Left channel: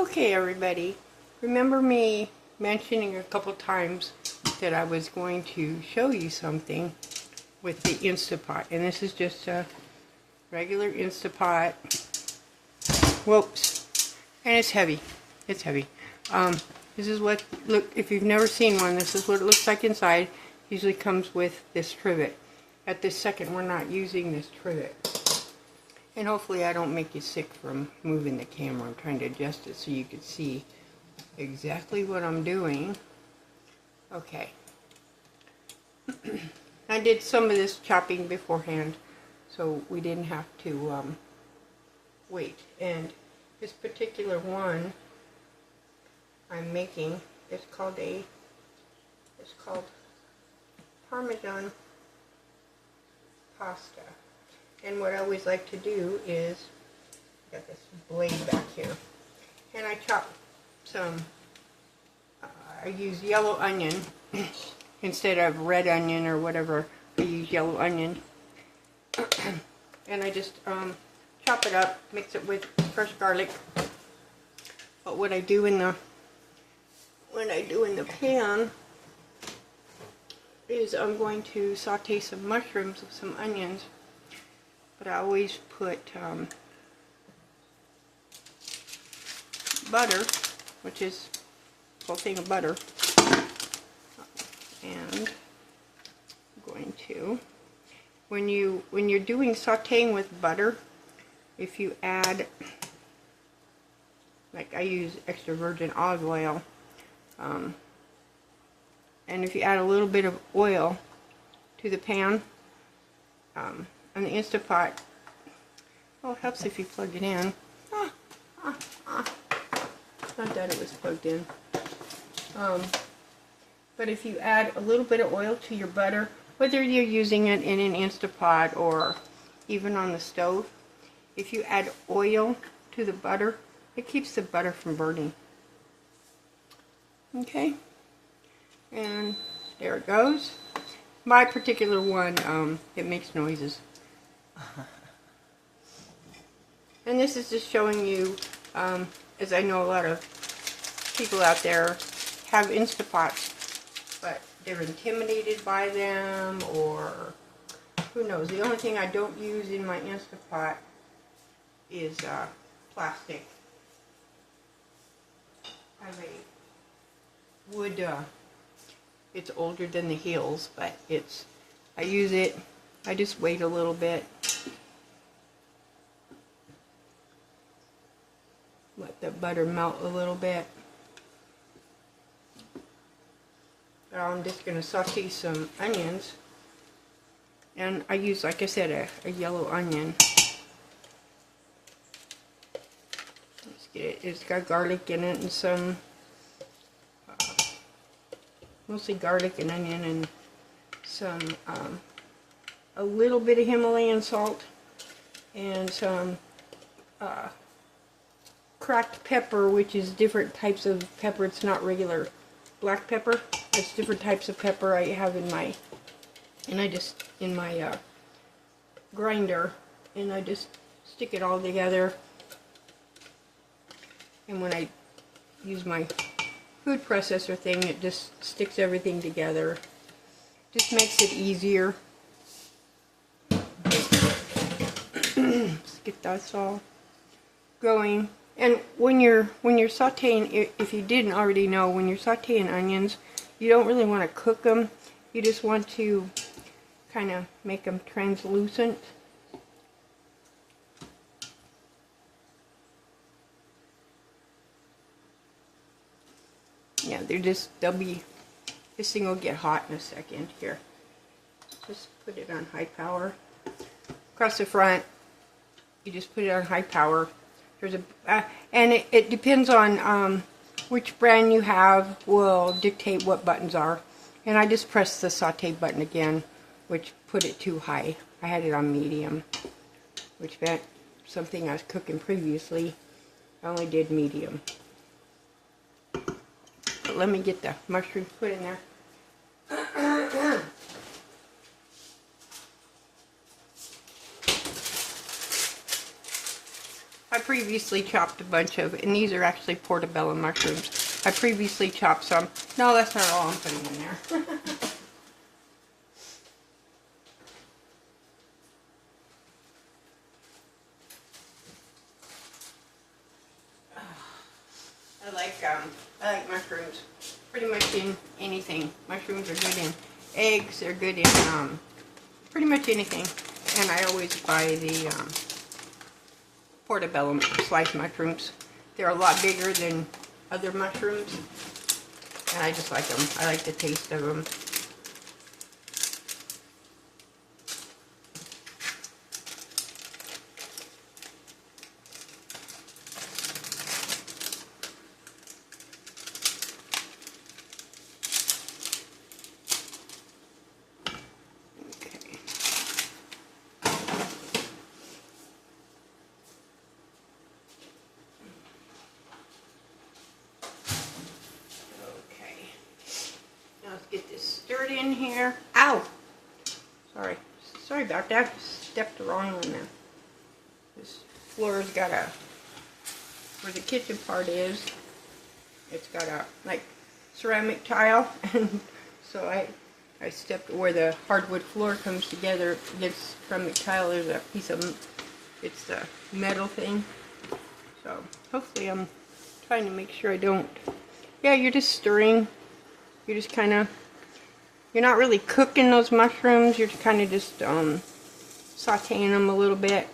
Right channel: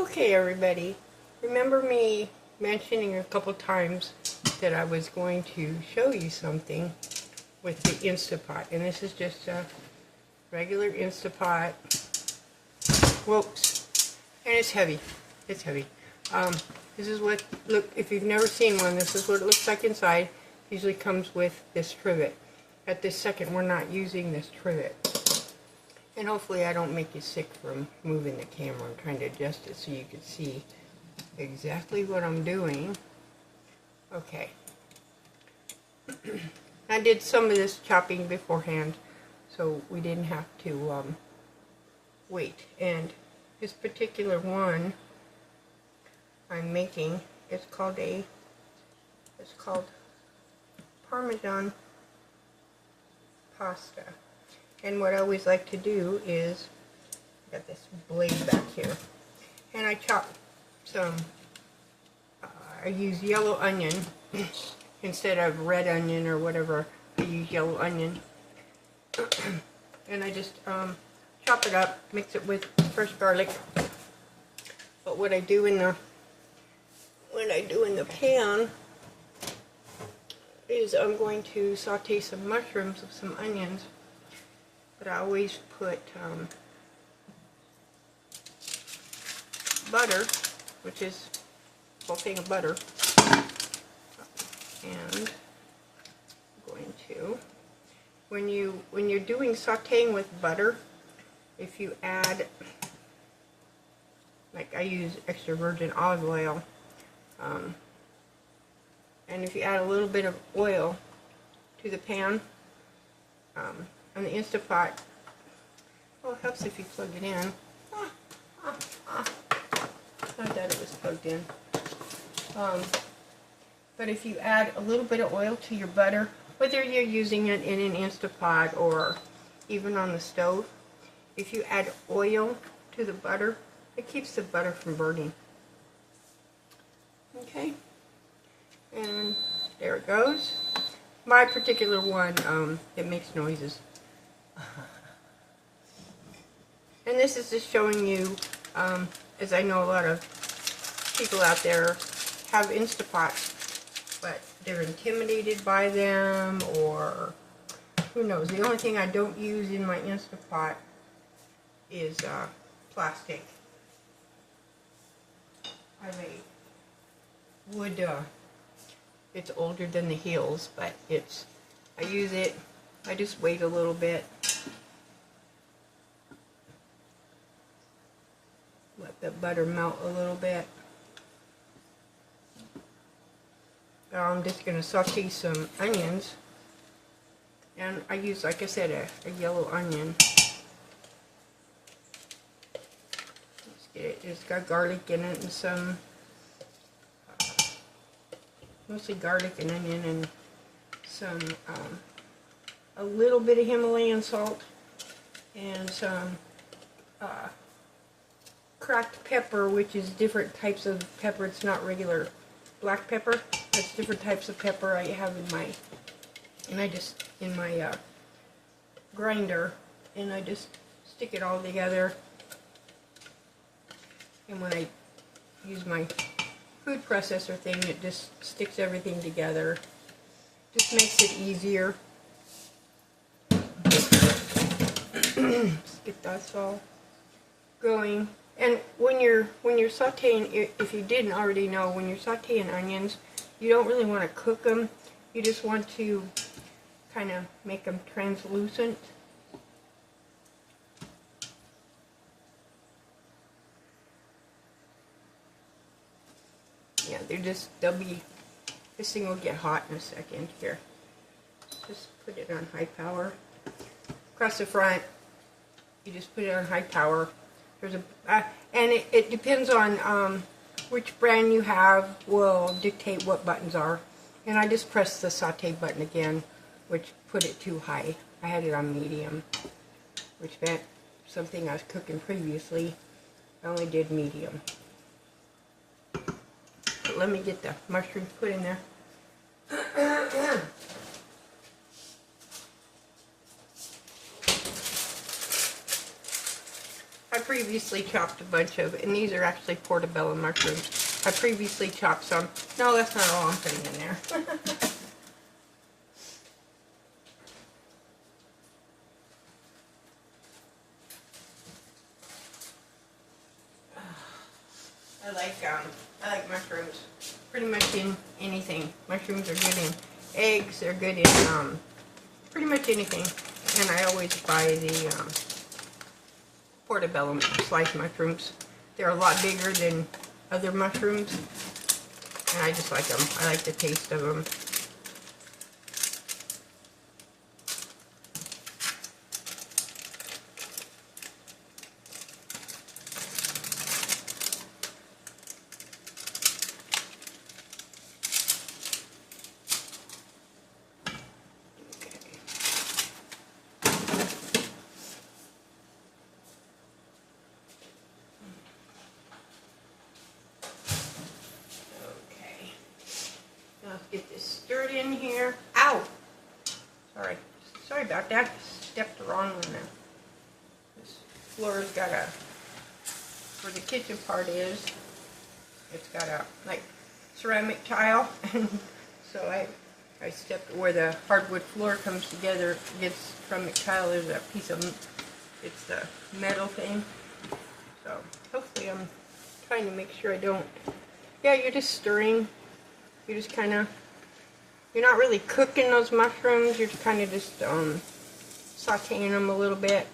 Okay, everybody, remember me mentioning a couple times that I was going to show you something with the Instapot, and this is just a regular Instapot. Whoops, and it's heavy. It's heavy. This is what, look, if you've never seen one, this is what it looks like inside. Usually comes with this trivet. At this second, we're not using this trivet. And hopefully I don't make you sick from moving the camera. I'm trying to adjust it so you can see exactly what I'm doing. Okay. I did some of this chopping beforehand, so we didn't have to wait. And this particular one I'm making is called Parmesan pasta. And what I always like to do is, I got this blade back here, and I chop some, I use yellow onion instead of red onion or whatever. I use yellow onion, and I just chop it up, mix it with fresh garlic. But what I do in the pan is I'm going to saute some mushrooms with some onions. But I always put butter, which is a whole thing of butter, and I'm going to, when you're doing sauteing with butter, if you add, like I use extra virgin olive oil, and if you add a little bit of oil to the pan, on the Instapot, well, it helps if you plug it in. Not that it was plugged in. But if you add a little bit of oil to your butter, whether you're using it in an Instapot or even on the stove, if you add oil to the butter, it keeps the butter from burning. Okay? And there it goes. My particular one, it makes noises. And this is just showing you, as I know a lot of people out there have Instapots, but they're intimidated by them, or who knows. The only thing I don't use in my Instapot is plastic. I have a wood, it's older than the heels, but I use it, I just wait a little bit. Let the butter melt a little bit. I'm just going to saute some onions. And I use, like I said, a yellow onion. Let's get it. It's got garlic in it and some, mostly garlic and onion and some, a little bit of Himalayan salt and some cracked pepper, which is different types of pepper. It's not regular black pepper. It's different types of pepper I have in my, grinder, and I just stick it all together. And when I use my food processor thing, it just sticks everything together. Just makes it easier. Let's get that all going. And when you're sauteing, if you didn't already know, when you're sauteing onions, you don't really want to cook them. You just want to kind of make them translucent. Yeah, this thing will get hot in a second here. Just put it on high power. Across the front, you just put it on high power. There's and it depends on which brand you have will dictate what buttons are. And I just pressed the saute button again, which put it too high. I had it on medium, which meant something I was cooking previously. I only did medium. But let me get the mushrooms put in there. I previously chopped a bunch of, and these are actually portobello mushrooms. I previously chopped some. No, that's not all I'm putting in there. I like mushrooms. Pretty much in anything. Mushrooms are good in eggs. They're good in pretty much anything. And I always buy the portobello sliced mushrooms. They're a lot bigger than other mushrooms, and I just like them. I like the taste of them. Get this stirred in here. Ow! Sorry about that. Stepped the wrong one then. This floor's got a, where the kitchen part is, it's got a, like, ceramic tile. And so I stepped where the hardwood floor comes together, gets ceramic tile. There's a piece of, it's the metal thing. So hopefully I'm trying to make sure I don't, yeah, you're just stirring. You're just kind of, you're not really cooking those mushrooms, you're kind of just sauteing them a little bit.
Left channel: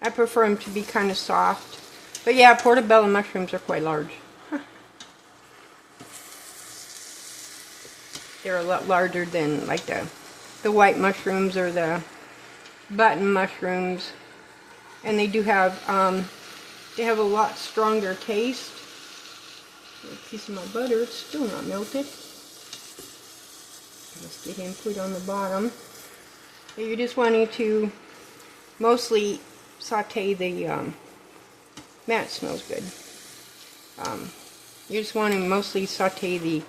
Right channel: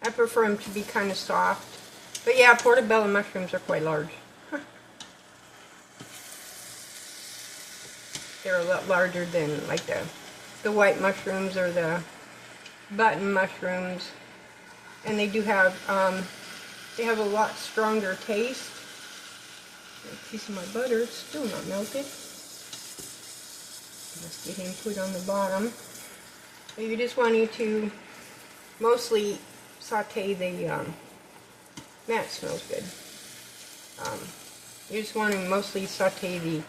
I prefer them to be kind of soft. But yeah, portobello mushrooms are quite large. They're a lot larger than like the white mushrooms or the button mushrooms. And they do have, they have a lot stronger taste. A piece of my butter, it's still not melted. Let's get him put on the bottom. So you're just wanting to mostly saute the, that smells good. You just want to mostly saute the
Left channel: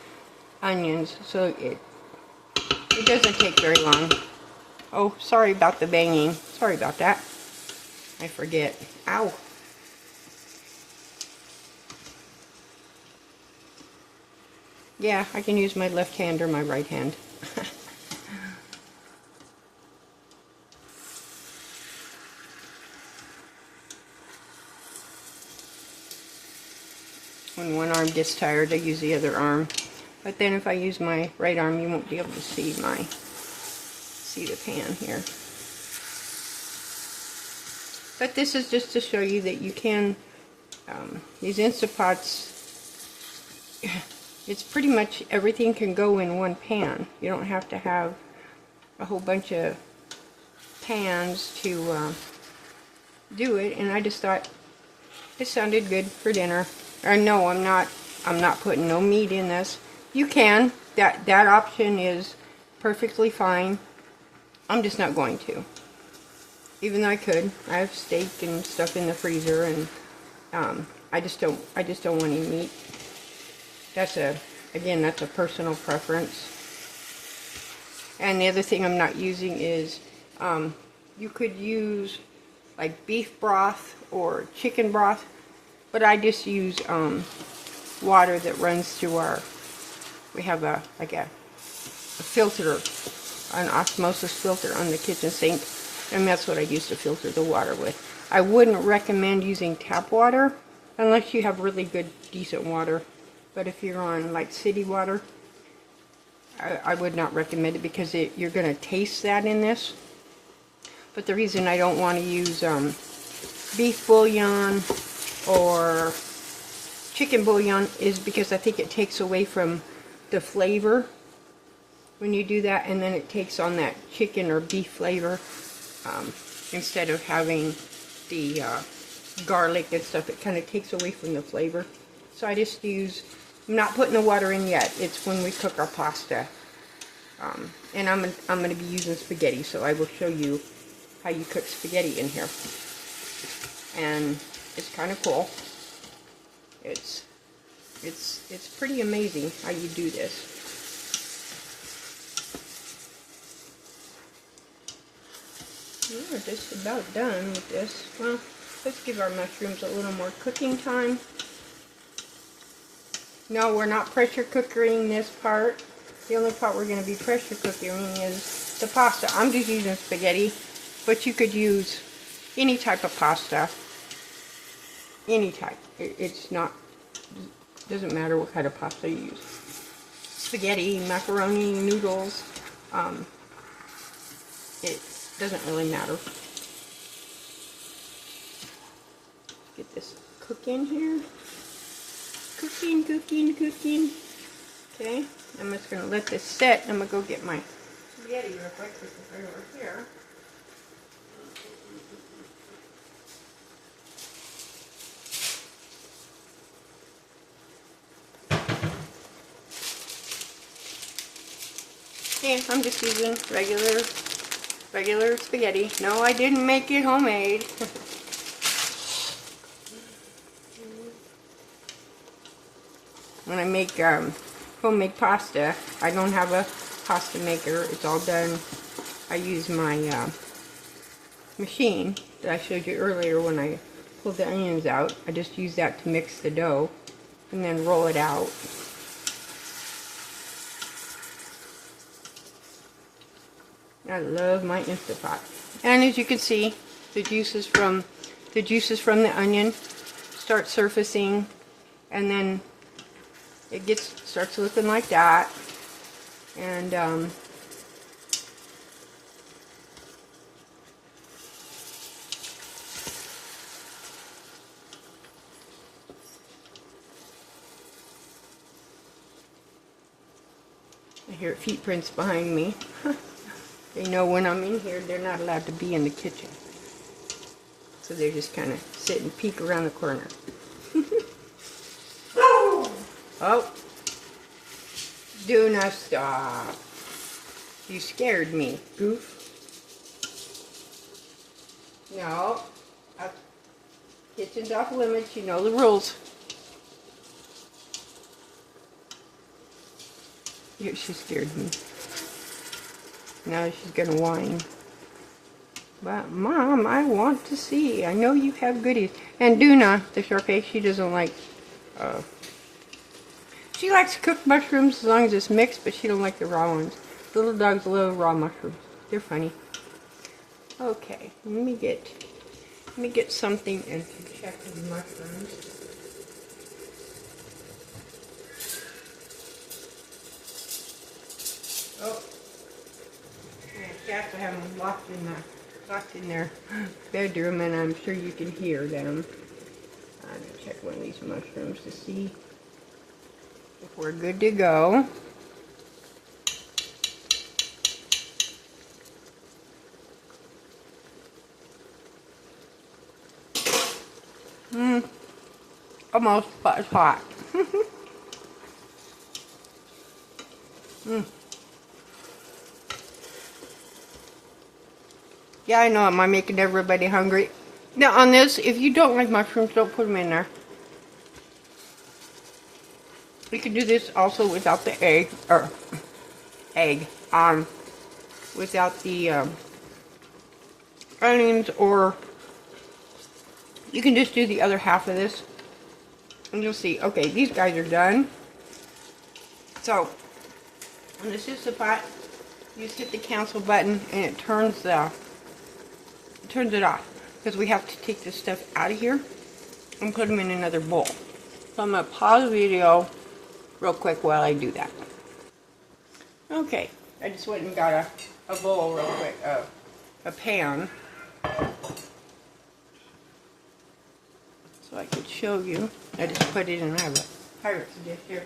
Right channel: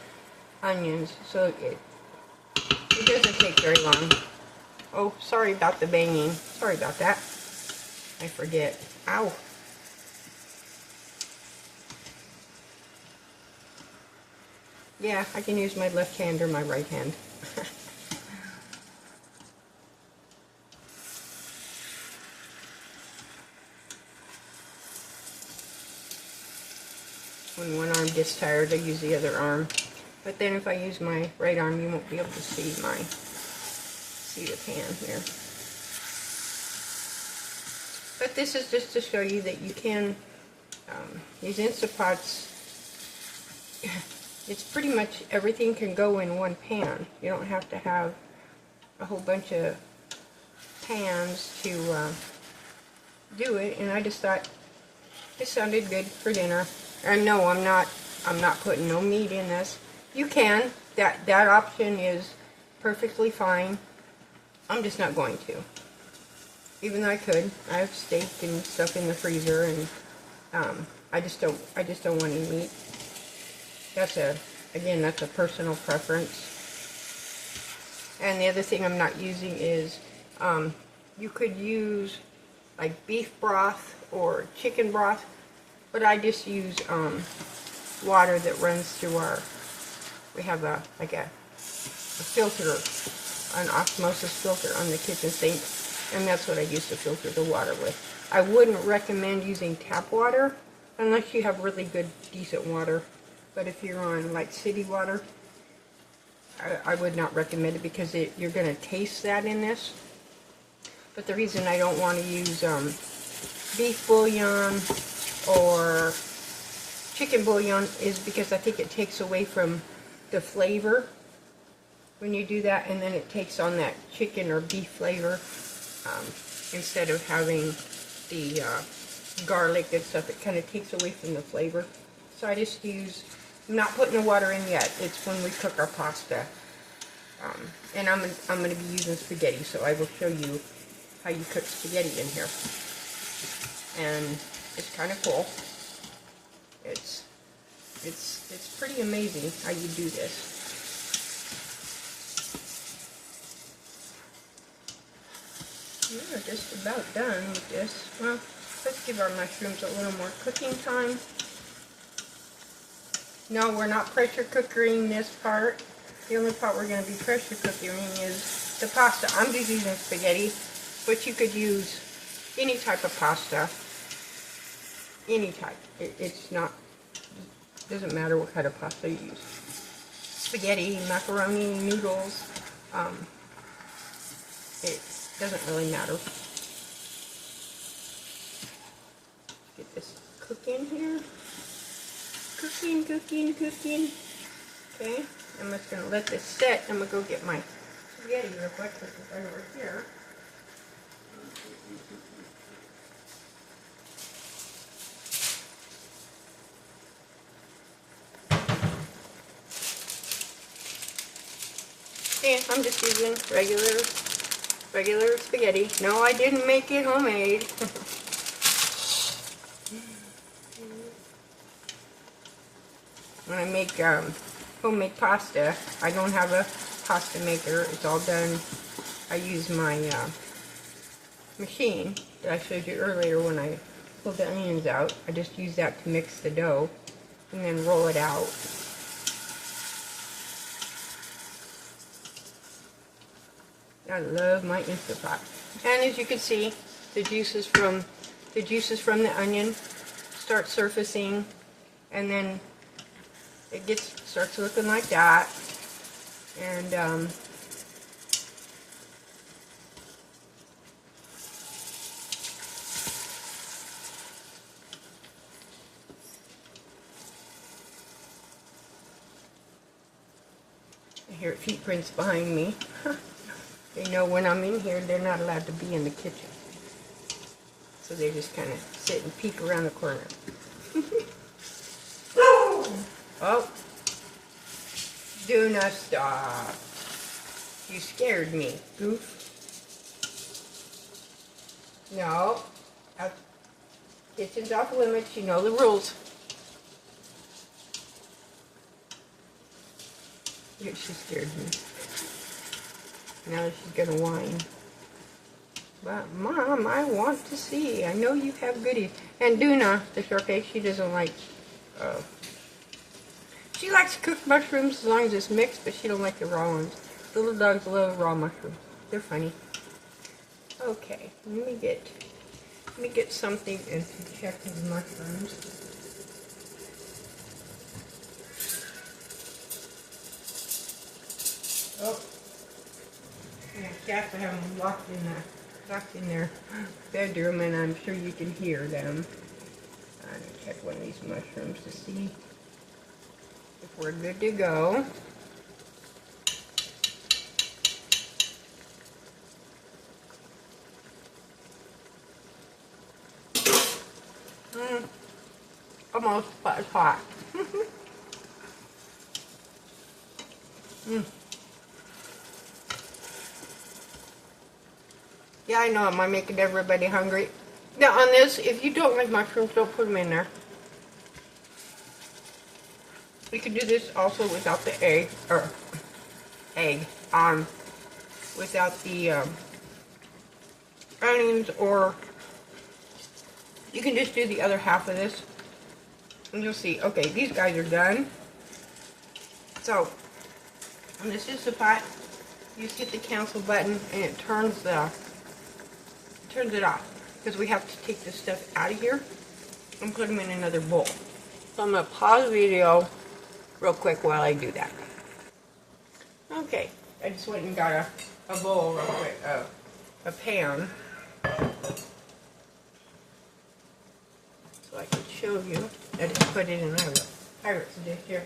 onions so it doesn't take very long. Oh, sorry about the banging. Sorry about that. I forget. Ow. Yeah, I can use my left hand or my right hand. When one arm gets tired, I use the other arm. But then if I use my right arm, you won't be able to see the pan here. But this is just to show you that you can, these Instapots, it's pretty much everything can go in one pan. You don't have to have a whole bunch of pans to do it. And I just thought it sounded good for dinner. No, I'm not putting no meat in this. You can. That option is perfectly fine. I'm just not going to. Even though I could. I have steak and stuff in the freezer, and I just don't want any meat. That's a personal preference. And the other thing I'm not using is, you could use like beef broth or chicken broth, but I just use water that runs through we have a filter, an osmosis filter on the kitchen sink, and that's what I use to filter the water with. I wouldn't recommend using tap water unless you have really good, decent water. But if you're on like city water, I would not recommend it because you're going to taste that in this. But the reason I don't want to use beef bouillon or chicken bouillon is because I think it takes away from the flavor when you do that, and then it takes on that chicken or beef flavor instead of having the garlic and stuff. It kind of takes away from the flavor. So I just use, I'm not putting the water in yet. It's when we cook our pasta. And I'm going to be using spaghetti, so I will show you how you cook spaghetti in here. And it's kind of cool. It's pretty amazing how you do this. We're just about done with this. Well, Let's give our mushrooms a little more cooking time. No, we're not pressure cooking this part. The only part we're going to be pressure cooking is the pasta. I'm just using spaghetti, but you could use any type of pasta. Any type. It's not, doesn't matter what kind of pasta you use. Spaghetti, macaroni, noodles. It doesn't really matter. Get this cooking here. Cooking, cooking, cooking. Okay, I'm just going to let this set. I'm going to go get my spaghetti real quick, which is right over here. Yeah, I'm just using regular spaghetti. No, I didn't make it homemade. When I make homemade pasta, I don't have a pasta maker. It's all done. I use my machine that I showed you earlier when I pulled the onions out. I just use that to mix the dough and then roll it out. I love my Instant Pot. And as you can see, the juices from the onion start surfacing, and then it starts looking like that. And I hear feet prints behind me. They know when I'm in here, they're not allowed to be in the kitchen. So they just kind of sit and peek around the corner. Oh, do not stop. You scared me, goof. No, kitchen's off limits, you know the rules. She scared me. Now she's gonna whine. But Mom, I want to see. I know you have goodies. And Duna, the Shar-Pei, she doesn't like. She likes cooked mushrooms as long as it's mixed, but she don't like the raw ones. Little dogs love raw mushrooms. They're funny. Okay, let me get something and check the mushrooms. Oh. Cats, I have them locked in their bedroom, and I'm sure you can hear them. I'm going to check one of these mushrooms to see if we're good to go. Almost, but it's hot. Yeah, I know. Am I making everybody hungry? Now, on this, if you don't like mushrooms, don't put them in there. You can do this also without the egg, without the onions, or you can just do the other half of this, and you'll see. Okay, these guys are done. So, when this is the pot, you just hit the cancel button, and it turns it off, because we have to take this stuff out of here and put them in another bowl. So I'm going to pause the video real quick while I do that. Okay, I just went and got a bowl real quick, a pan, so I could show you. I just put it in my Pirate's dish here.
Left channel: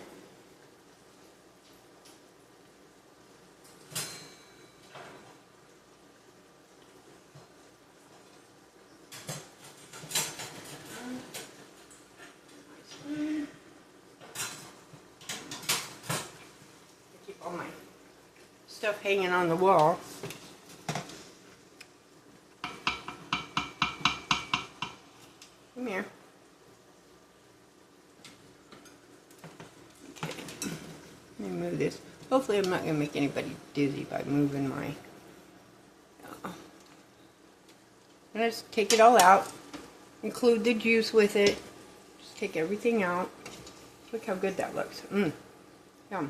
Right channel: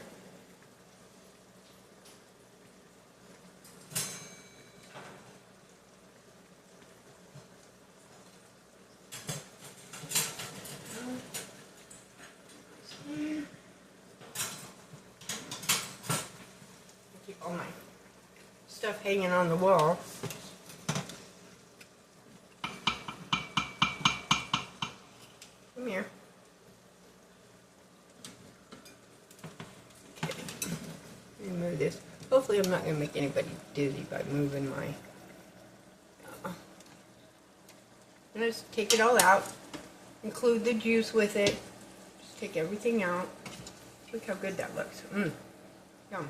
All my stuff hanging on the wall. Come here. Okay. Let me move this. Hopefully I'm not going to make anybody dizzy by moving my... I'm going to take it all out. include the juice with it. Just take everything out. Look how good that looks. Yum.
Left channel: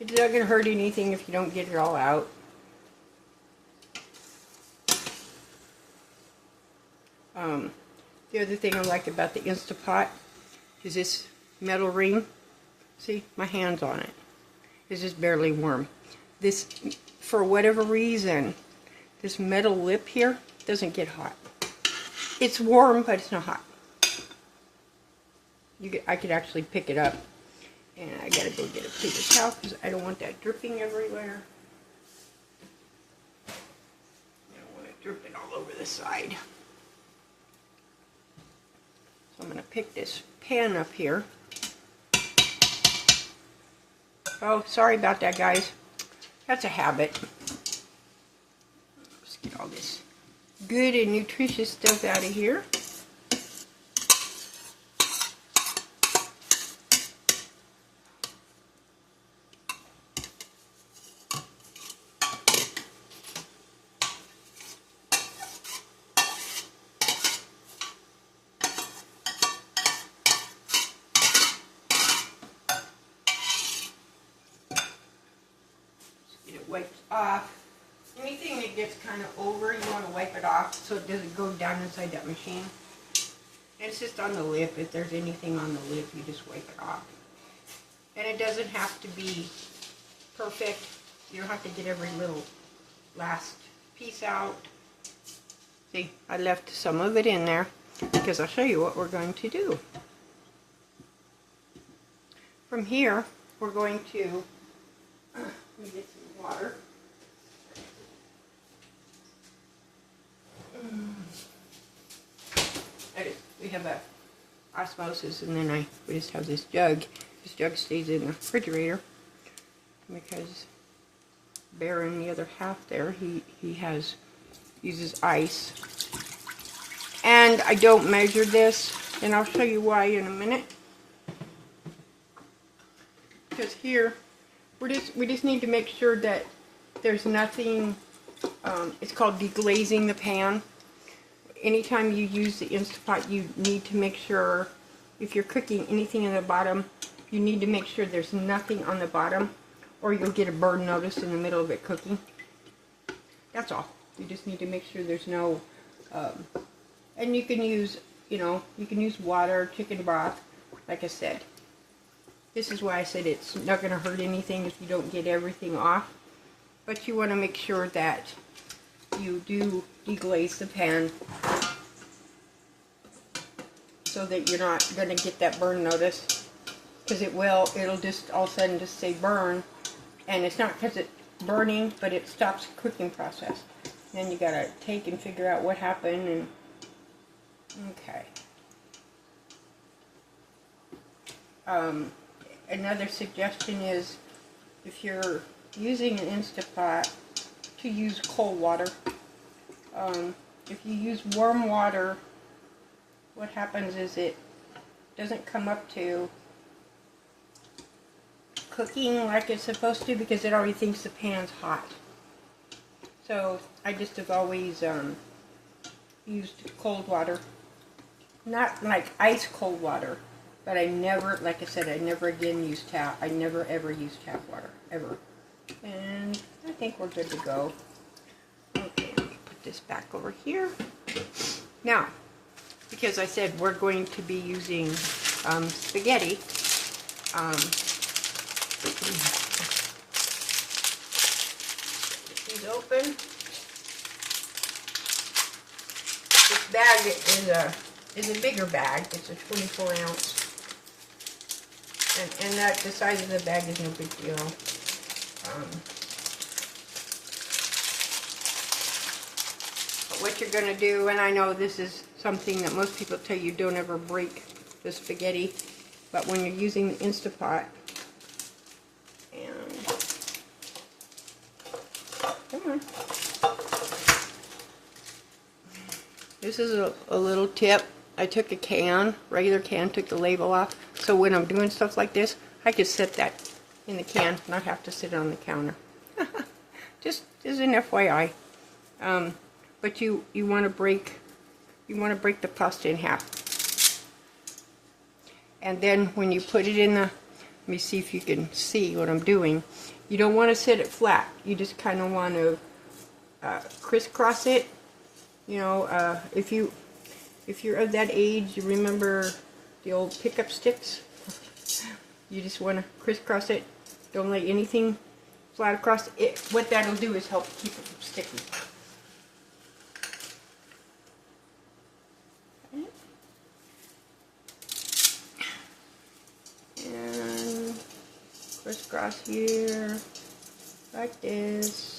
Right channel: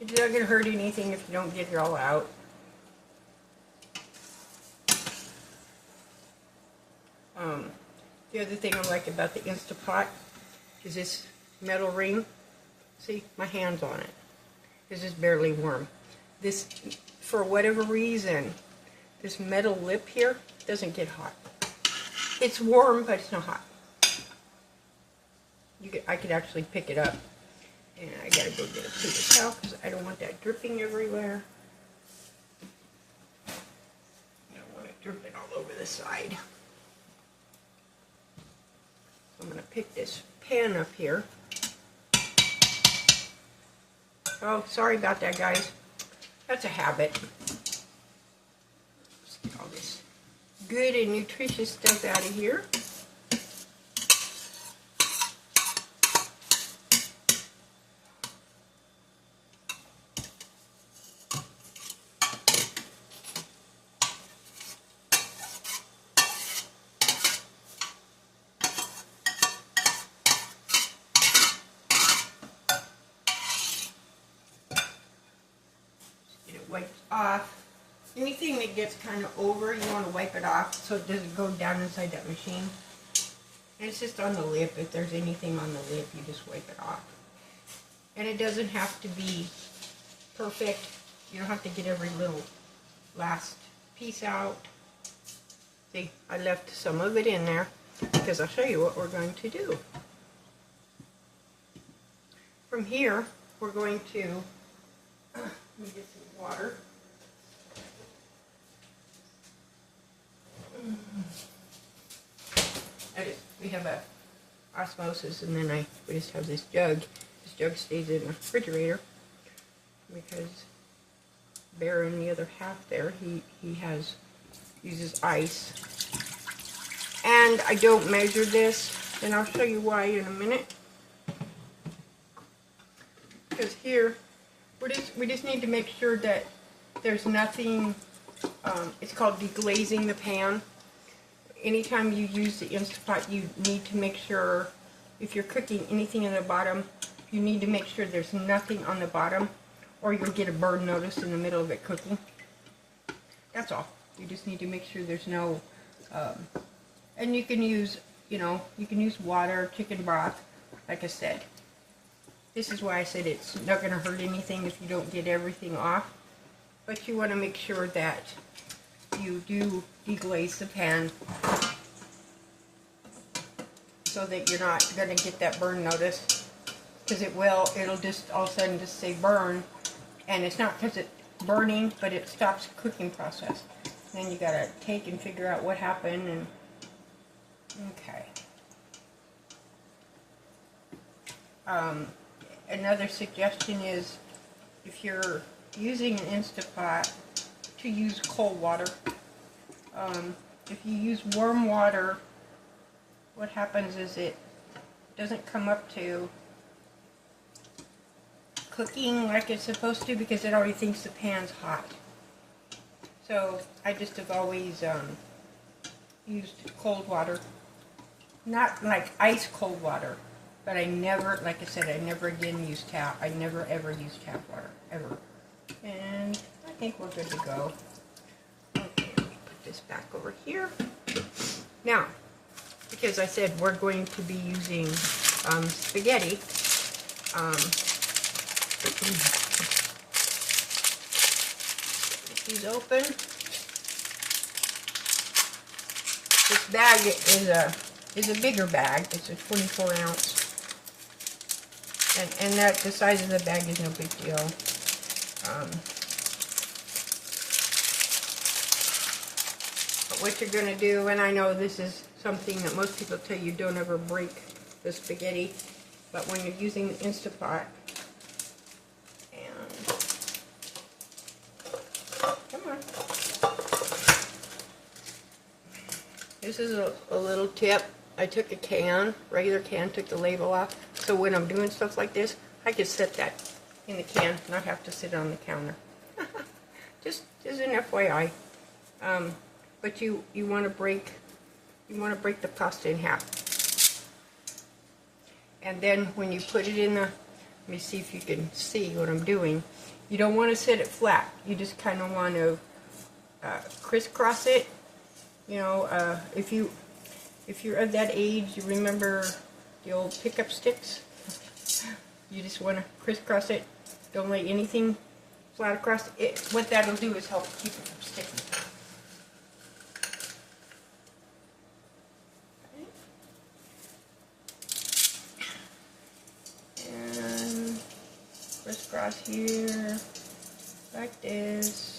It's not going to hurt anything if you don't get it all out. The other thing I like about the Instapot is this metal ring. See, my hand's on it. It's just barely warm. This, for whatever reason, this metal lip here doesn't get hot. It's warm, but it's not hot. I could actually pick it up. And I gotta go get a paper towel because I don't want that dripping everywhere. I don't want it dripping all over the side. So I'm gonna pick this pan up here. Oh, sorry about that, guys. That's a habit. Let's get all this good and nutritious stuff out of here. Wiped off. Anything that gets kind of over, you want to wipe it off so it doesn't go down inside that machine. And it's just on the lip. If there's anything on the lip, you just wipe it off. And it doesn't have to be perfect. You don't have to get every little last piece out. See, I left some of it in there because I'll show you what we're going to do. From here, we're going to let me get some water. We have a osmosis, and then we just have this jug. This jug stays in the refrigerator because Bear in the other half there, he uses ice. And I don't measure this, and I'll show you why in a minute. Because here, we just need to make sure that there's nothing, it's called deglazing the pan. Anytime you use the Instapot, you need to make sure, if you're cooking anything in the bottom, you need to make sure there's nothing on the bottom, or you'll get a burn notice in the middle of it cooking. That's all. You just need to make sure there's no, and you can use, you can use water, chicken broth, like I said. This is why I said it's not going to hurt anything if you don't get everything off. But you want to make sure that you do deglaze the pan so that you're not going to get that burn notice. Because it'll just all of a sudden just say burn. And it's not because it's burning, but it stops the cooking process. Then you got to take and figure out what happened. And okay. Another suggestion is, if you're using an Instapot, to use cold water. If you use warm water, what happens is it doesn't come up to cooking like it's supposed to, because it already thinks the pan's hot. So I just have always used cold water. Not like ice cold water, but I never, like I said, I never again use tap. I never ever use tap water, ever. And I think we're good to go. Okay, let me put this back over here. Now, because I said we're going to be using spaghetti, get these open. This bag is a bigger bag. It's a 24 ounce. And that the size of the bag is no big deal. But what you're going to do, and I know this is something that most people tell you, don't ever break the spaghetti, but when you're using the Instapot, and come on, this is a little tip. I took a can, regular can, took the label off, so when I'm doing stuff like this, I can set that in the can, not have to sit it on the counter. Just as an FYI. But you want to you want to break the pasta in half. And then when you put it in the, let me see if you can see what I'm doing. You don't want to set it flat. You just kind of want to crisscross it. You know, if you're of that age, you remember the old pickup sticks. You just want to crisscross it. Don't lay anything flat across it. What that'll do is help keep it from sticking. And crisscross here, like this.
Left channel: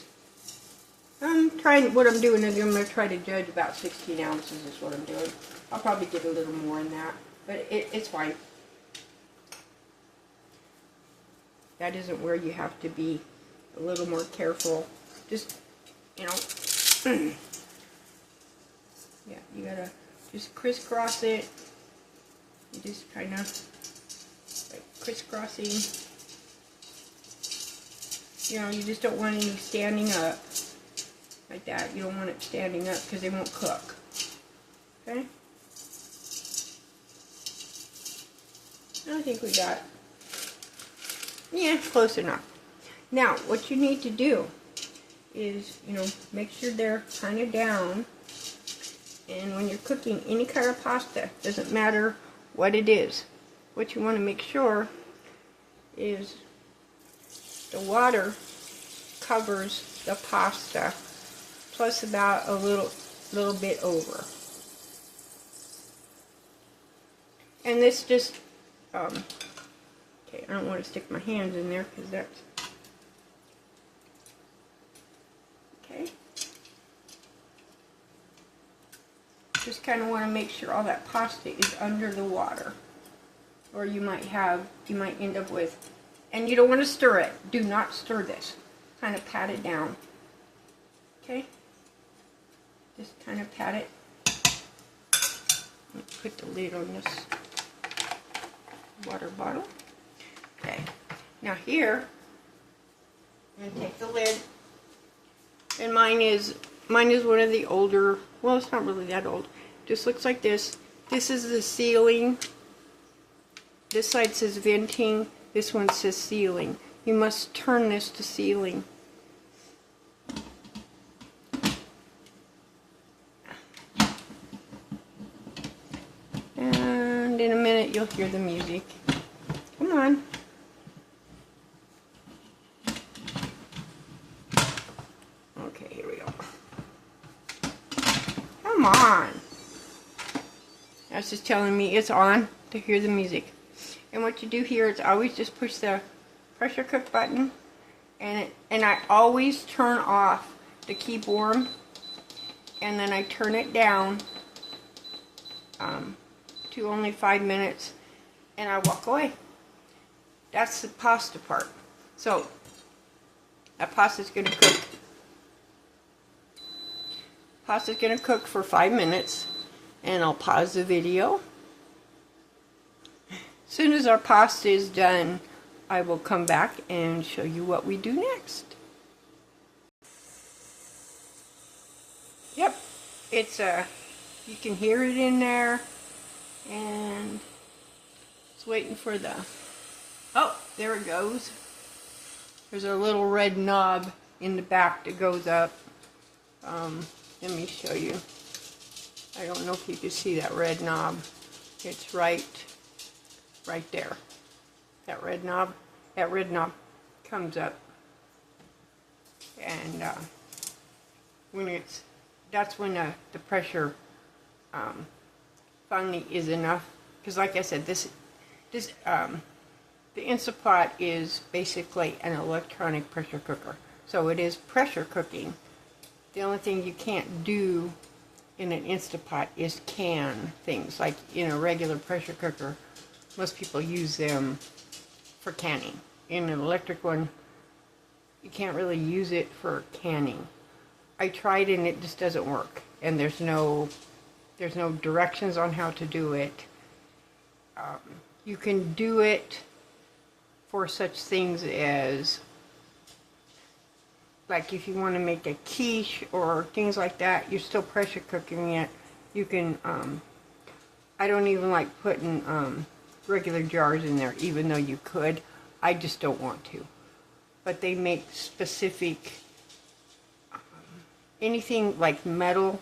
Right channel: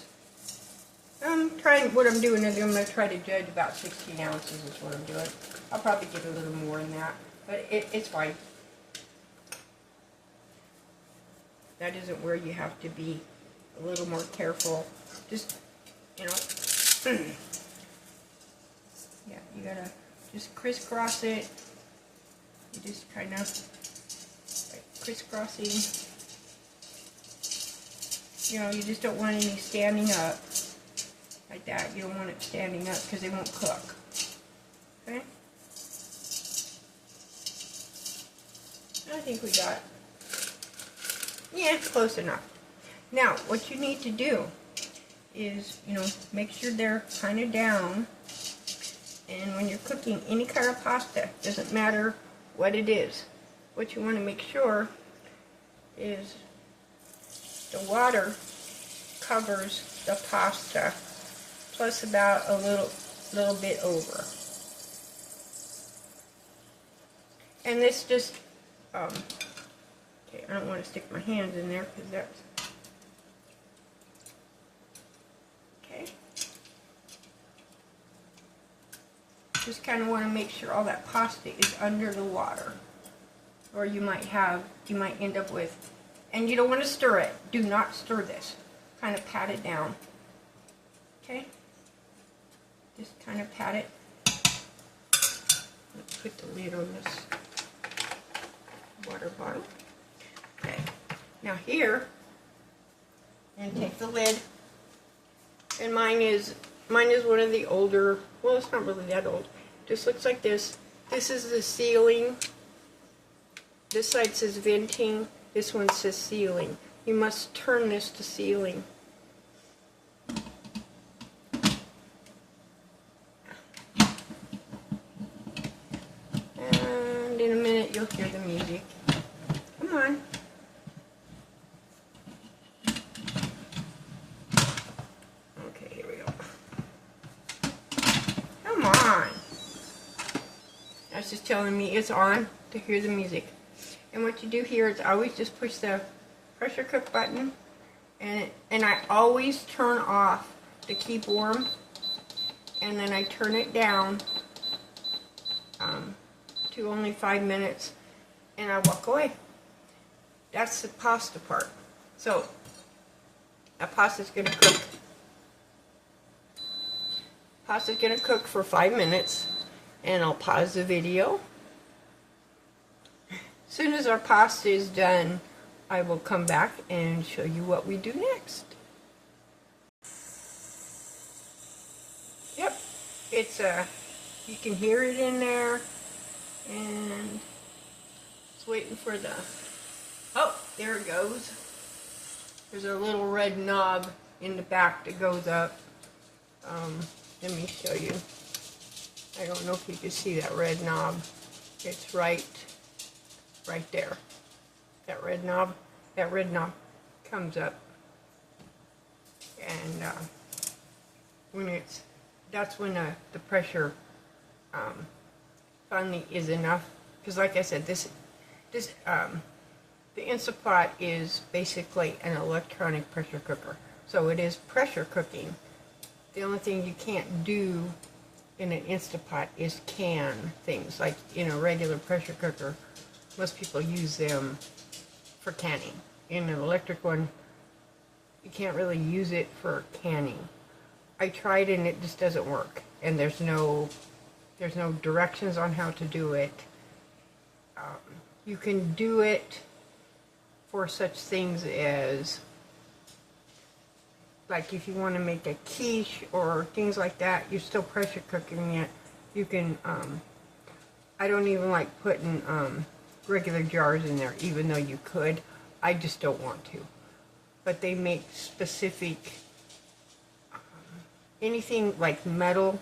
What I'm doing is I'm going to try to judge about 16 ounces is what I'm doing. I'll probably get a little more in that, but it's fine. That isn't where you have to be a little more careful. Just, you know, yeah, you gotta just crisscross it. You just kind of like crisscrossing. You know, you just don't want any standing up like that. You don't want it standing up because they won't cook. Okay? I think we got, yeah, close enough. Now, what you need to do is, you know, make sure they're kind of down. And when you're cooking any kind of pasta, doesn't matter what it is, what you want to make sure is the water covers the pasta plus about a little bit over. And this just, okay, I don't want to stick my hands in there because that's, okay. Just kind of want to make sure all that pasta is under the water. Or you might end up with, and you don't want to stir it. Do not stir this. Kind of pat it down. Okay? Just kind of pat it. Let's put the lid on this water bottle. Okay. Now here, and take the lid. And mine is one of the older, well, it's not really that old. Just looks like this. This is the sealing. This side says venting. This one says sealing. You must turn this to sealing. And in a minute you'll hear the music. Come on. Okay, here we go. Come on. That's just telling me it's on to hear the music. And what you do here is always just push the pressure cook button, and I always turn off to keep warm, and then I turn it down to only 5 minutes, and I walk away. That's the pasta part. So that pasta's going to cook. Pasta's going to cook for 5 minutes, and I'll pause the video. As soon as our pasta is done, I will come back and show you what we do next. Yep, it's you can hear it in there, and it's waiting for the, oh, there it goes. There's a little red knob in the back that goes up. Let me show you. I don't know if you can see that red knob. It's right there. That red knob comes up, and that's when the pressure finally is enough. Because like I said, the Instapot is basically an electronic pressure cooker, so it is pressure cooking. The only thing you can't do in an Instapot is can things. Like in a regular pressure cooker, most people use them for canning. In an electric one, you can't really use it for canning. I tried and it just doesn't work. And there's no directions on how to do it. You can do it for such things as, like if you want to make a quiche or things like that, you're still pressure cooking it, You can, I don't even like putting regular jars in there, even though you could. I just don't want to. But they make specific, anything like metal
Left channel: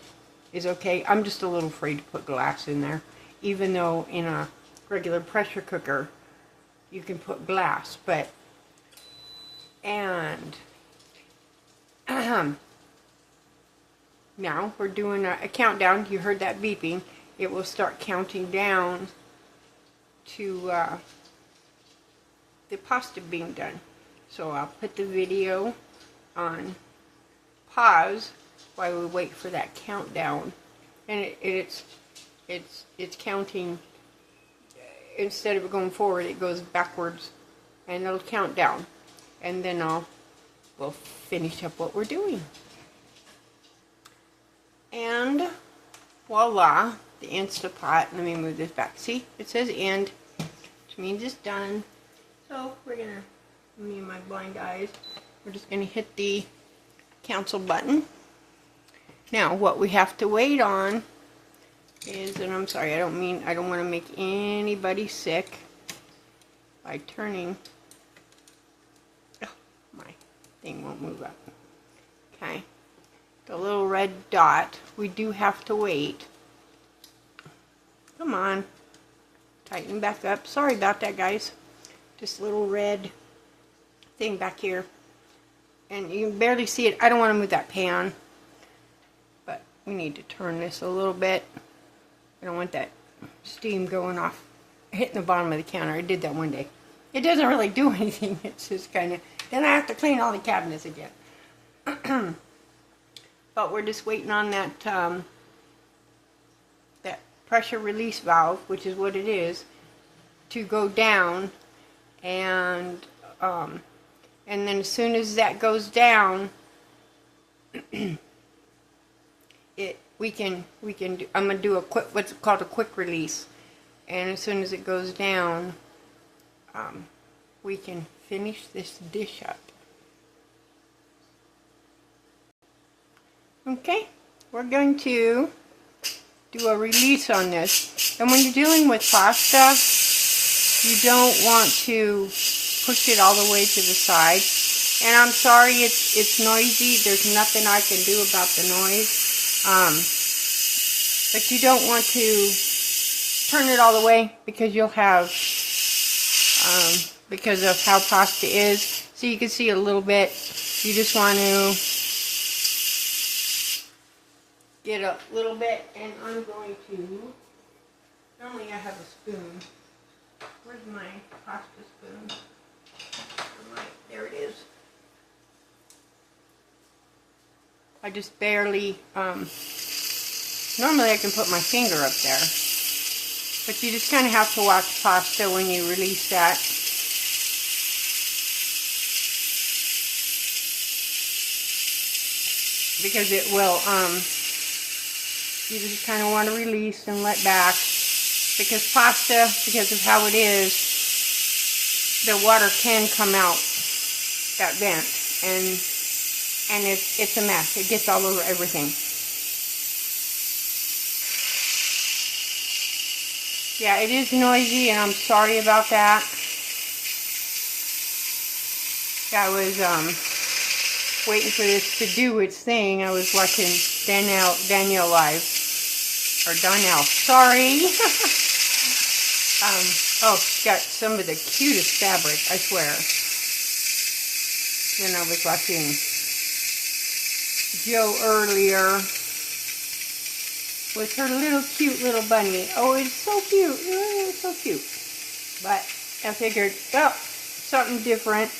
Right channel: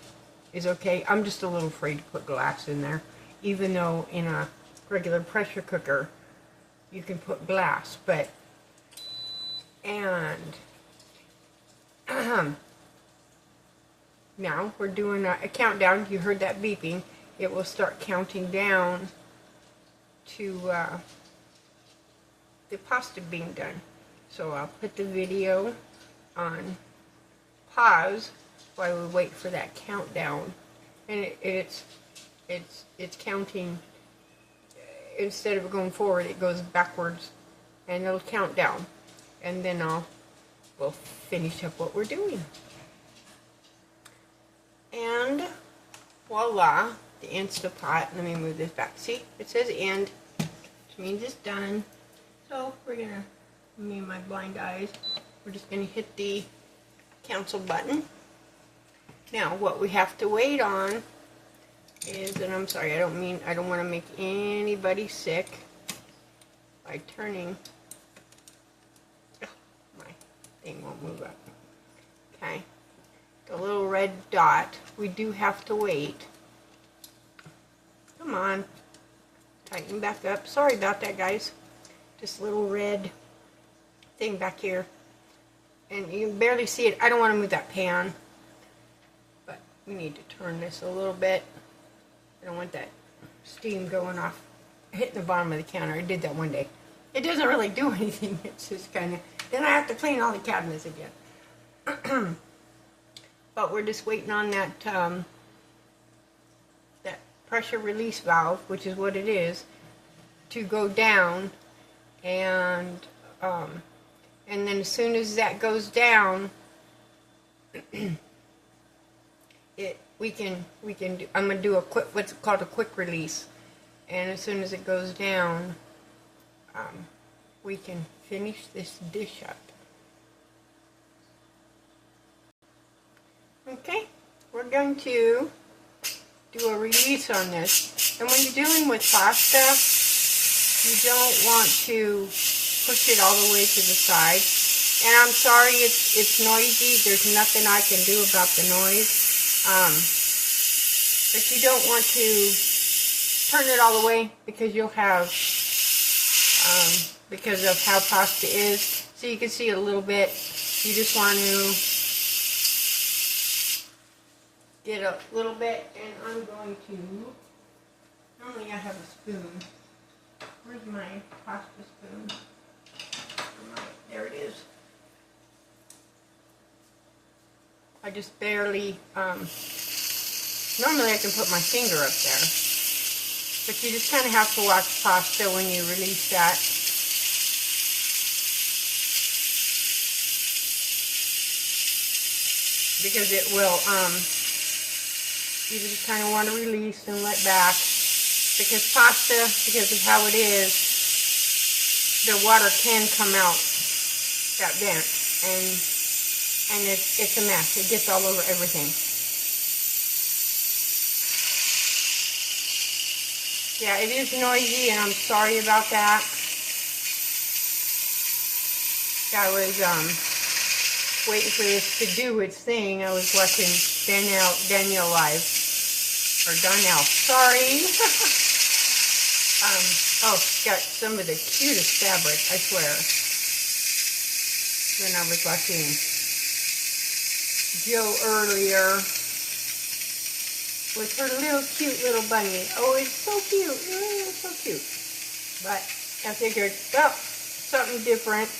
is okay. I'm just a little afraid to put glass in there, even though in a regular pressure cooker you can put glass. But, and now we're doing a countdown. You heard that beeping. It will start counting down to the pasta being done. So I'll put the video on pause while we wait for that countdown. And it's counting. Instead of going forward, it goes backwards, and it'll count down. And then we'll finish up what we're doing. And voila, the Instapot. Let me move this back. See, it says end, which means it's done. So we're gonna, me and my blind eyes, we're just gonna hit the cancel button. Now what we have to wait on is, and I'm sorry, I don't want to make anybody sick by turning. Oh, my thing won't move up. Okay. The little red dot, we do have to wait. Come on. Tighten back up. Sorry about that, guys. Just a little red thing back here. And you can barely see it. I don't want to move that pan. But we need to turn this a little bit. I don't want that steam going off, hitting the bottom of the counter. I did that one day. It doesn't really do anything. It's just kind of, then I have to clean all the cabinets again. But we're just waiting on that that pressure release valve, which is what it is, to go down, and then as soon as that goes down, we can do, I'm gonna do a quick, what's called a quick release, and as soon as it goes down, we can finish this dish up. Okay, we're going to do a release on this. And when you're dealing with pasta, you don't want to push it all the way to the side. And I'm sorry, it's noisy. There's nothing I can do about the noise. But you don't want to turn it all the way, because you'll have, because of how pasta is. So you can see a little bit. You just want to get a little bit, and I'm going to, normally I have a spoon. Where's my pasta spoon? There it is. I just barely, normally I can put my finger up there, but you just kind of have to watch pasta when you release that. Because it will, you just kind of want to release and let back, because pasta, because of how it is, the water can come out that vent, and it's a mess. It gets all over everything. Yeah, it is noisy, and I'm sorry about that. I was waiting for this to do its thing. I was watching Danielle live. Or Donnell, sorry. Oh, she's got some of the cutest fabric, I swear. And I was watching Joe earlier with her cute little bunny. Oh, it's so cute. Oh, it's so cute. But I figured, well, something different.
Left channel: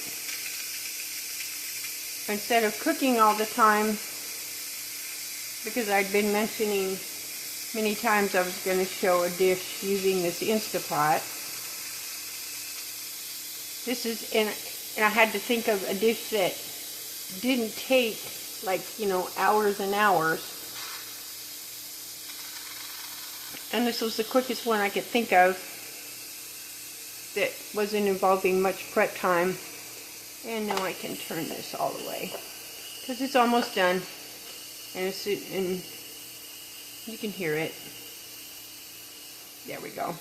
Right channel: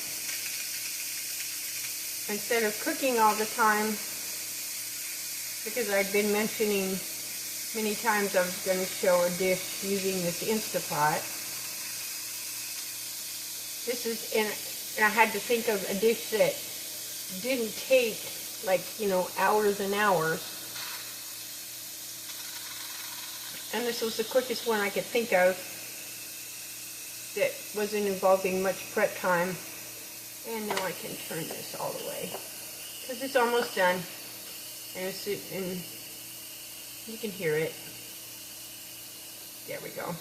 Instead of cooking all the time, because I'd been mentioning many times I was going to show a dish using this Instapot. This is, and I had to think of a dish that didn't take, like, you know, hours and hours. And this was the quickest one I could think of that wasn't involving much prep time. And now I can turn this all the way, because it's almost done. And You can hear it. There we go.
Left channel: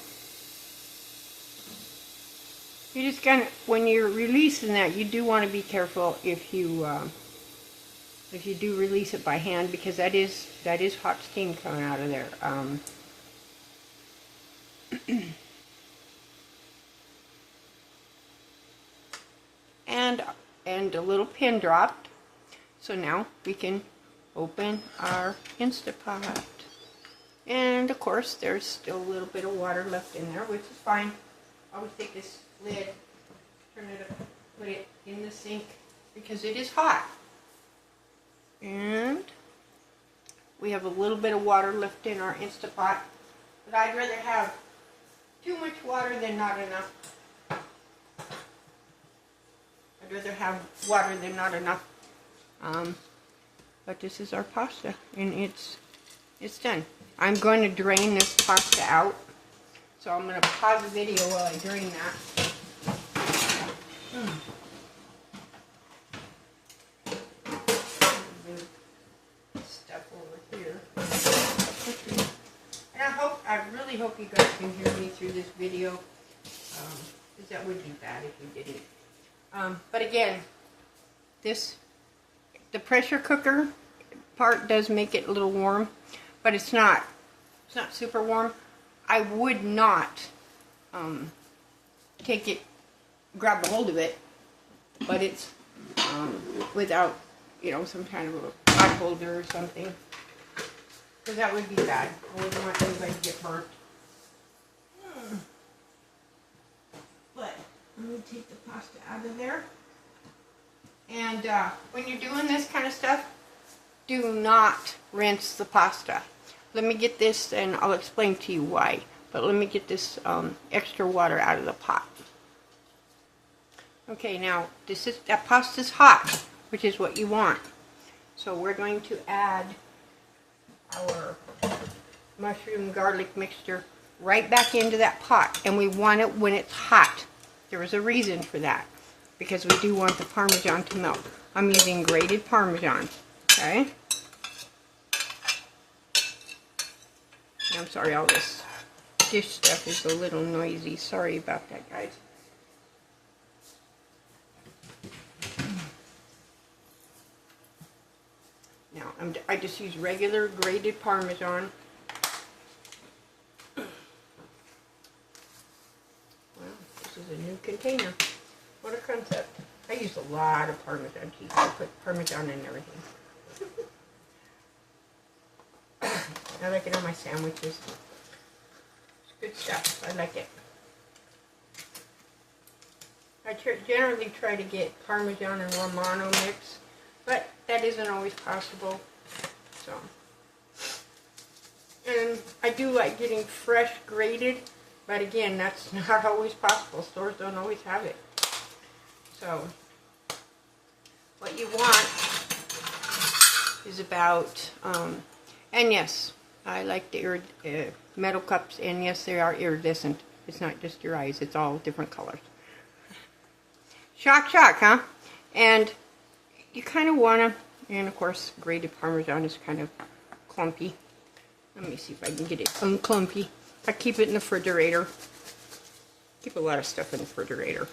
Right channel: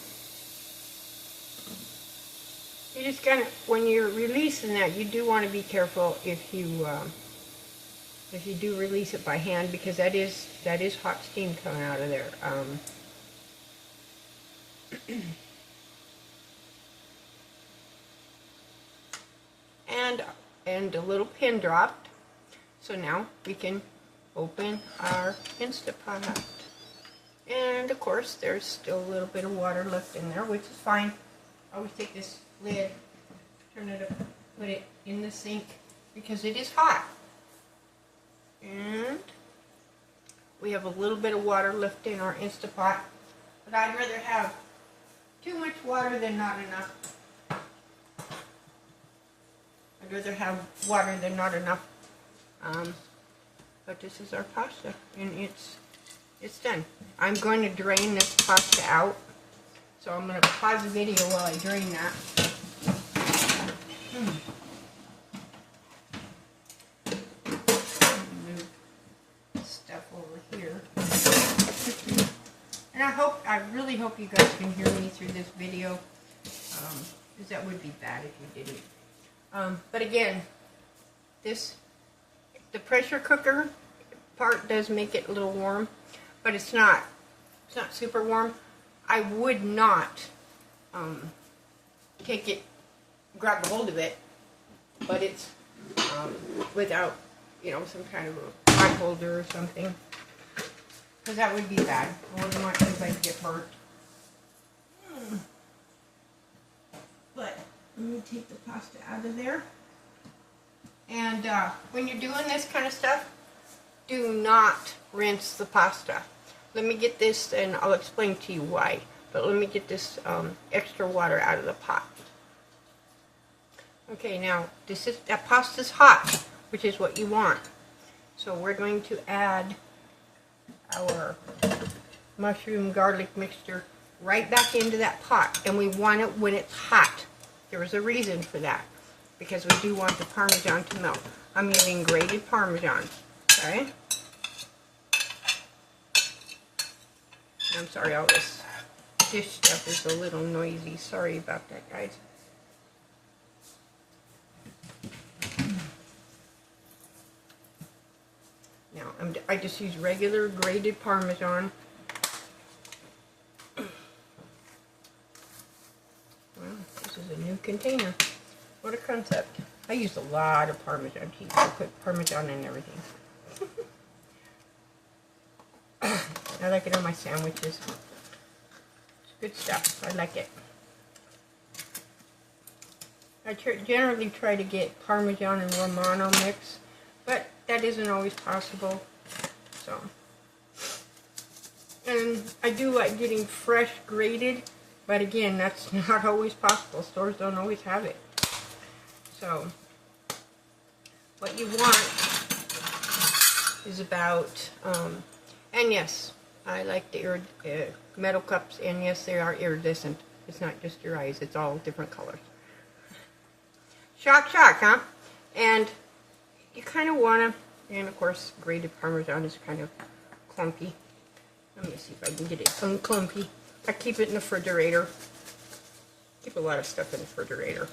You just kind of, when you're releasing that, you do want to be careful if you do release it by hand, because that is hot steam coming out of there. And a little pin dropped. So now we can open our Instapot. And of course, there's still a little bit of water left in there, which is fine. I always take this lid, turn it up, put it in the sink because it is hot. And we have a little bit of water left in our Instapot, but I'd rather have too much water than not enough. I'd rather have water than not enough. But this is our pasta, and it's done. I'm going to drain this pasta out, so I'm going to pause the video while I drain that. Move stuff over here. And I really hope you guys can hear me through this video, because that would be bad if you didn't. But again, the pressure cooker part does make it a little warm, but it's not super warm. I would not grab a hold of it, but it's without, some kind of a pot holder or something, because that would be bad. I wouldn't want anybody to get burnt. But let me take the pasta out of there. And when you're doing this kind of stuff, do not rinse the pasta. Let me get this, and I'll explain to you why. But let me get this extra water out of the pot. Okay, now that pasta's hot, which is what you want. So we're going to add our mushroom garlic mixture right back into that pot, and we want it when it's hot. There is a reason for that, because we do want the Parmesan to melt. I'm using grated Parmesan, okay? I'm sorry, all this dish stuff is a little noisy. Sorry about that, guys. Now, I just use regular grated Parmesan. Wow, this is a new container. What a concept. I use a lot of Parmesan cheese. I put Parmesan in everything. I like it on my sandwiches. It's good stuff. I like it. I generally try to get Parmesan and Romano mix, but that isn't always possible. So, and I do like getting fresh grated, but again, that's not always possible. Stores don't always have it. So, what you want is about, and yes, I like the metal cups, and yes, they are iridescent. It's not just your eyes, it's all different colors. Shock, huh? And you kind of want to, and of course, grated Parmesan is kind of clumpy. Let me see if I can get it unclumpy. I keep it in the refrigerator. Keep a lot of stuff in the refrigerator.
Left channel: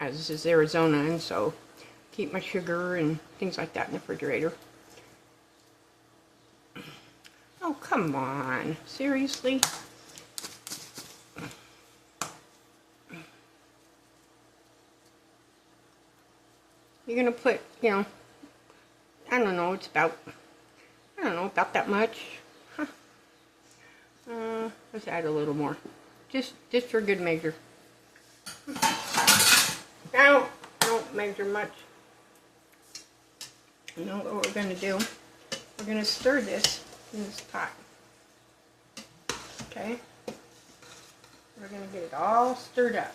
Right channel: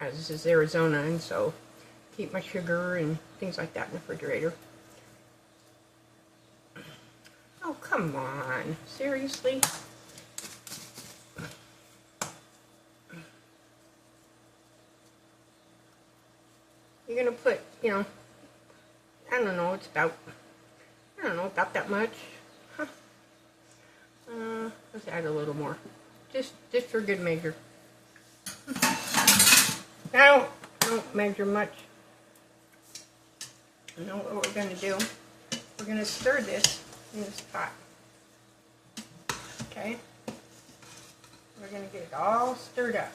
As this is Arizona, and so keep my sugar and things like that in the refrigerator. Oh, come on. Seriously? You're going to put, I don't know, it's about, about that much. Huh. Let's add a little more. Just for good measure. I don't measure much. You know what we're going to do? We're going to stir this in this pot. Okay? We're going to get it all stirred up.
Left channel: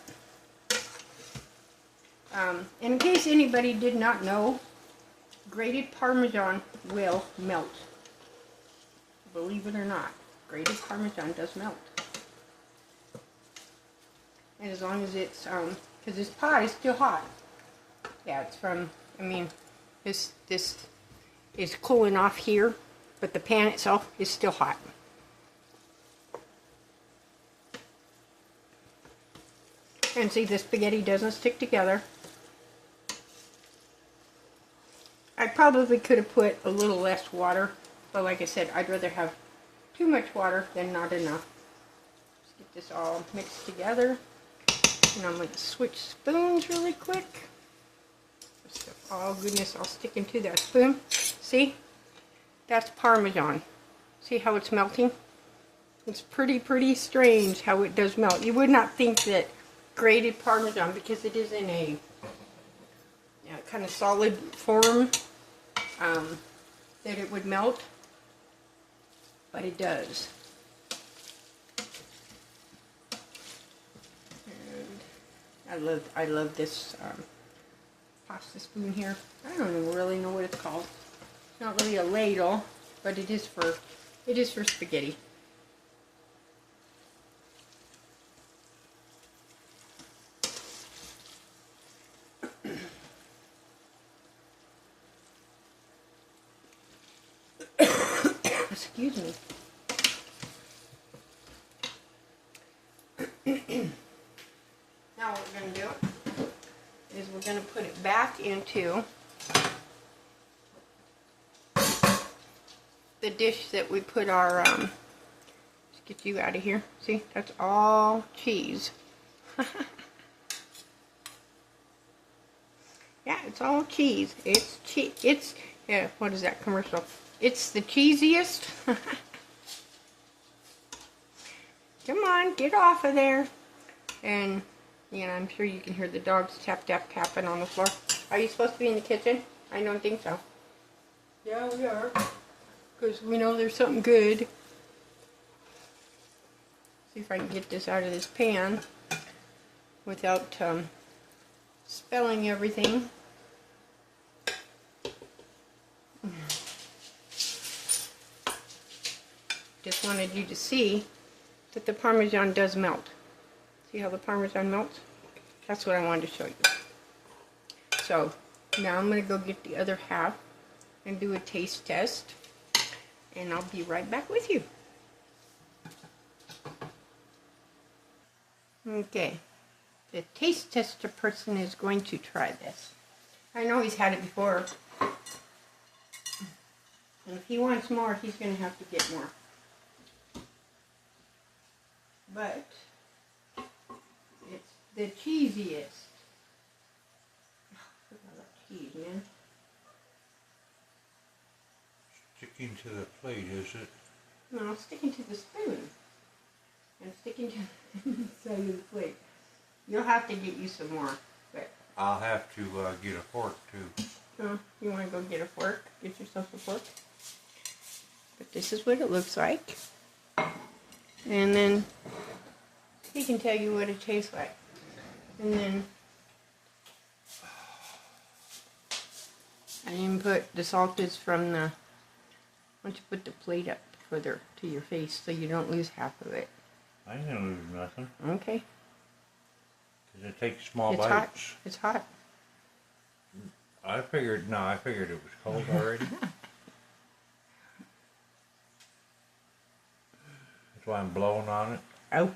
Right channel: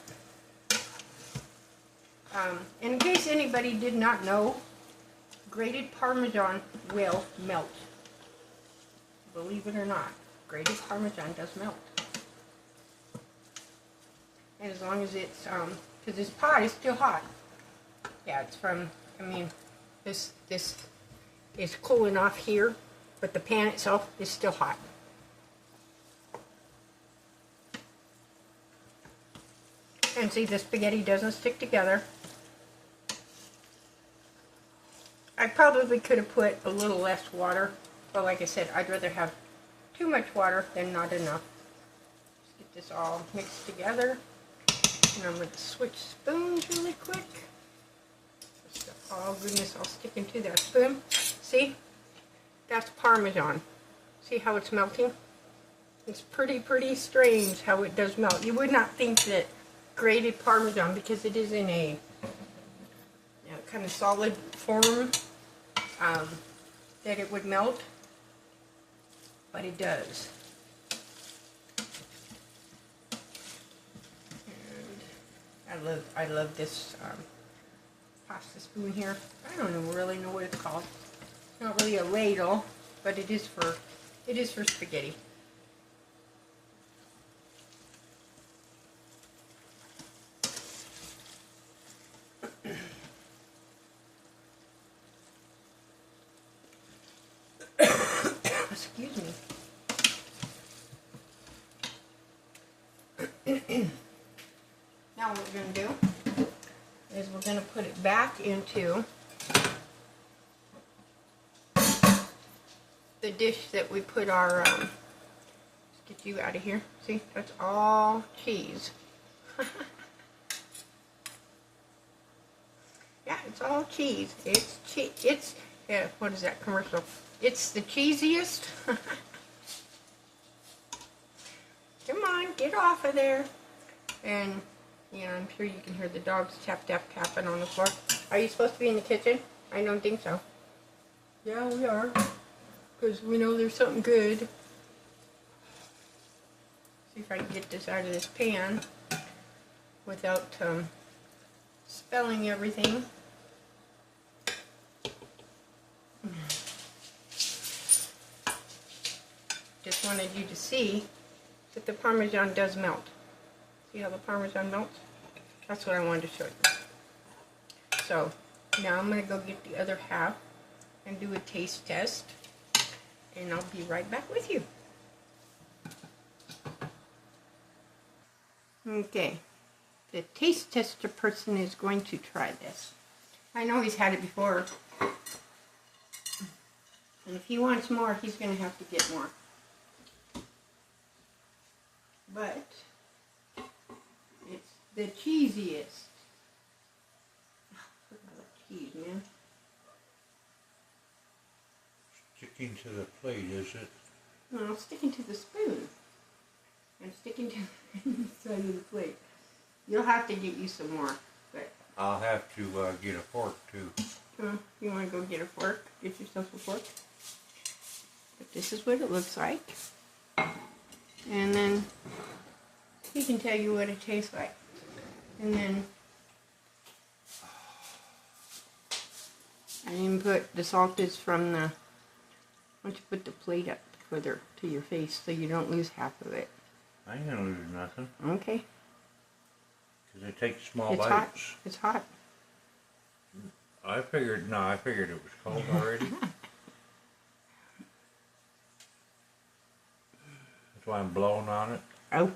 In case anybody did not know, grated Parmesan will melt. Believe it or not, grated Parmesan does melt. And as long as it's, because this pot is still hot. Yeah, it's from, this is cooling off here, but the pan itself is still hot. And see, the spaghetti doesn't stick together. I probably could have put a little less water, but like I said, I'd rather have too much water than not enough. Let's get this all mixed together. And I'm going to switch spoons really quick. Oh goodness, I'll stick into that spoon. See? That's Parmesan. See how it's melting? It's pretty strange how it does melt. You would not think that grated Parmesan, because it is in a kind of solid form, that it would melt, but it does. And I love this pasta spoon here. I don't really know what it's called. It's not really a ladle, but it is for spaghetti. Excuse me. Now what we're going to do is we're going to put it back into the dish that we put our, let's get you out of here. See, that's all cheese. Yeah, it's all cheese. It's, yeah, what is that commercial? It's the cheesiest. Come on, get off of there. And, yeah, I'm sure you can hear the dogs tapping on the floor. Are you supposed to be in the kitchen? I don't think so. Yeah, we are. Because we know there's something good. See if I can get this out of this pan without spilling everything. Just wanted you to see that the Parmesan does melt. See how the Parmesan melts? That's what I wanted to show you. So now I'm going to go get the other half and do a taste test, and I'll be right back with you. Okay, the taste tester person is going to try this. I know he's had it before, and if he wants more, he's going to have to get more. But it's the cheesiest. Look at that cheese, man. Sticking to the plate, is it? No, I'm sticking to the spoon. I'm sticking to the side of the plate. You'll have to get you some more, but I'll have to get a fork too. You want to go get a fork? Get yourself a fork. But this is what it looks like. And then he can tell you what it tastes like. And then I didn't put the salt is from the, why don't you put the plate up further to your face so you don't lose half of it. I didn't lose nothing. Okay. Because it takes small It's bites. hot. It's hot. I figured it was cold already. That's why I'm blowing on it. Oh.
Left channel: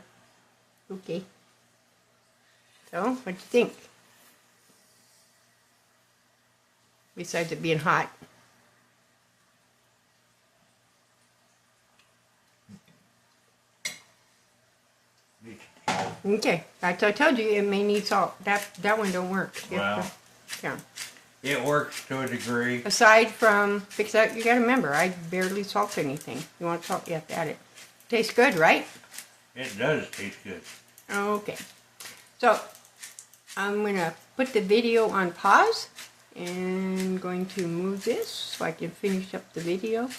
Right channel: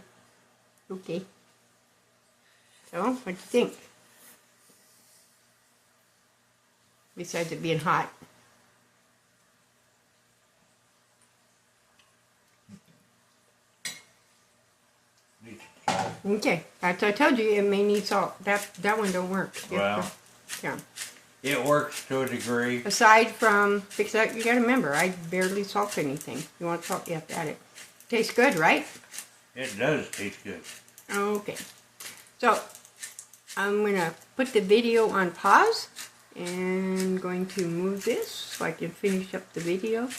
Okay. So, what do you think? Besides it being hot. Okay, I told you it may need salt. That one don't work. Well, yeah. it works to a degree. Aside from, you gotta remember, I barely salt anything. You want salt, you have to add it. Tastes good, right? It does taste good. Okay. So, I'm gonna put the video on pause and going to move this so I can finish up the video.